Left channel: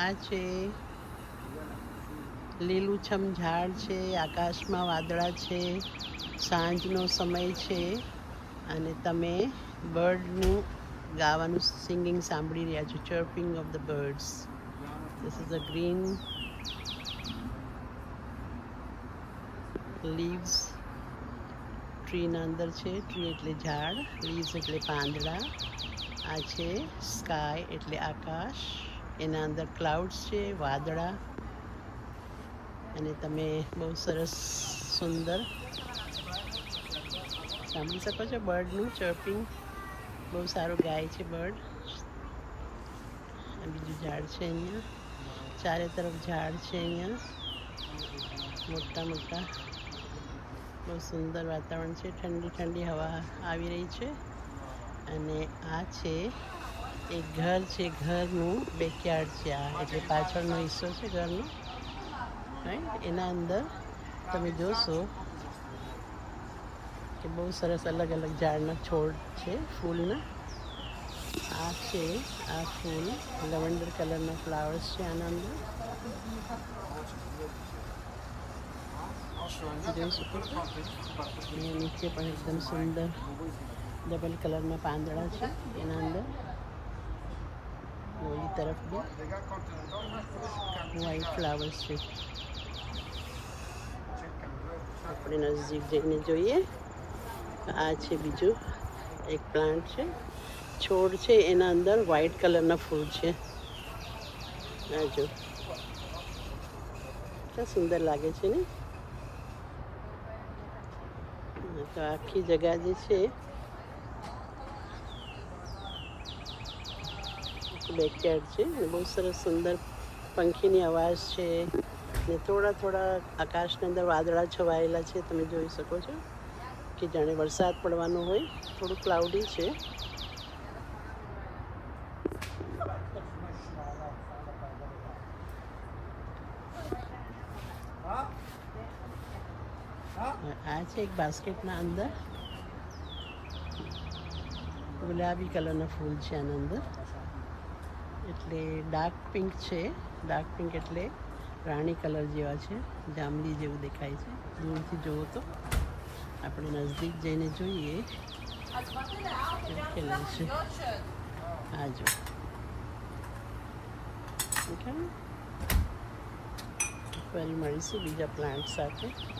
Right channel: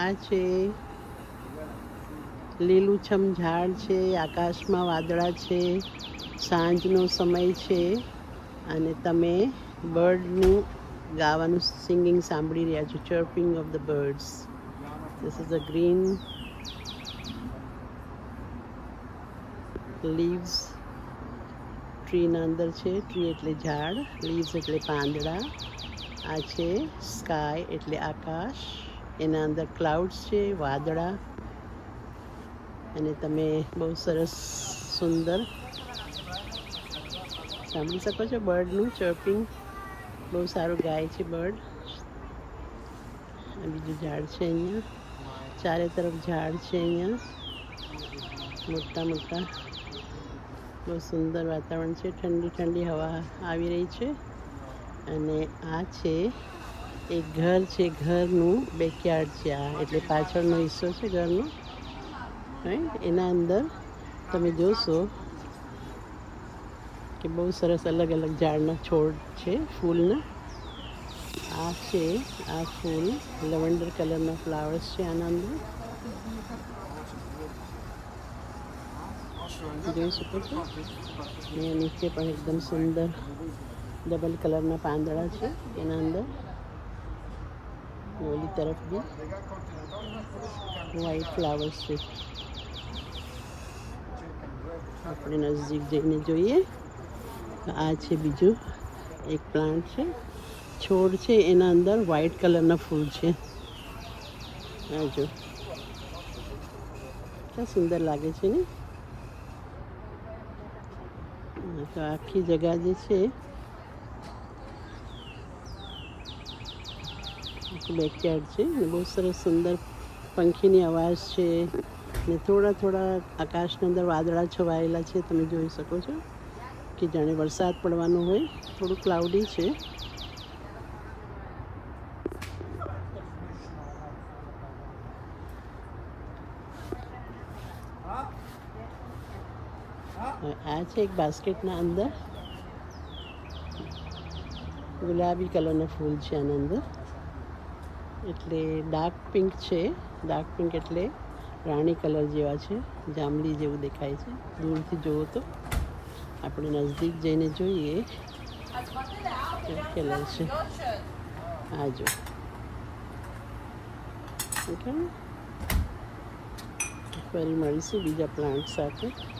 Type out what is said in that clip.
આ છે લીલુંછમ ઝાડ છે, આકાશમાં વાદળા છે, સાંજનો સમય છે અને તમે બર્ડનું ગાવાનું સિંગિંગ સાંભળી રહ્યા છો. Chirping of the birds. This is a green leaves ટ્રીના અંદર છે. ટ્રી એટલે ઝાડ, લીવ્સ એટલે પાંદડા. આ છે સ્કાય એટલે આકાશ, એના અંદર ક્લાઉડ્સ છે, વાદળા. અને તમે બહુ સરસ સુંદર સાંભળી શકો છો બર્ડનું ચર્પિંગ. બહુ સારું ગાય છે બર્ડ. આ બીજું ઝાડ છે અહીંયા, ચારે તરફ ઝાડ છે અહીંયા મોટા મોટા. બહુ સુંદર વાતાવરણ છે, ઠંડી ઠંડી હવા આવી રહી છે. અને આ છે એક ઘર છે, ઘરનું બેકયાર્ડ છે આ, એટલે પાછળનો હિસ્સો છે ઘરનો. રાઈટ, એના અંદર તમે જોશો કે બહુ સરસ અલગ અલગ ઝાડના છોડ છે ફૂલના. આ છે આ ફૂલ, લેવન્ડર કલરના ફ્લાવર્સ છે આના અંદર, જોઈ શકો છો. અહીંયા નીચે પણ એકદમ સુંદર ડબલ કલરના પાંદડા છે એના અંદર. ઓલી તરફ બી વ્હાઈટ ફ્લાવર્સ છે. આપણે નજીક જઈને જોઈએ. આ છે બીજું એક પ્લાન્ટ છે, છોડ છે, એના અંદર વ્હાઈટ કલરના ફૂલ છે. આ જો કેટલું સુંદર લાગે છે ને. આખી જગા જે છે બેકયાર્ડ છે. બહુ સરસ સુંદર પંખીની અવાજ છે ને થોડા થોડા આકાશની અંદર વાદળા છવાયેલા છે. તમે જોઈ શકો છો કે જાણે વરસાદ પડવાનું હોય. થોડું ક્લાઉડી છે. આ છે એક બાસ્કેટના અંદર ગુલાબી કલરના ફૂલ છે આના અંદર. એટલે ડાર્ક પિંક છે. ડાર્ક પિંક એટલે રાણી કલર જેવા છે, જાંબલી જેવું દેખાય છે દૂરથી જુઓ તો. આપણે નજીક જઈને જોઈએ કલર છે. આ જો ઓકે, ફરી મળીશું બીજા પ્લાન્ટ સાથે.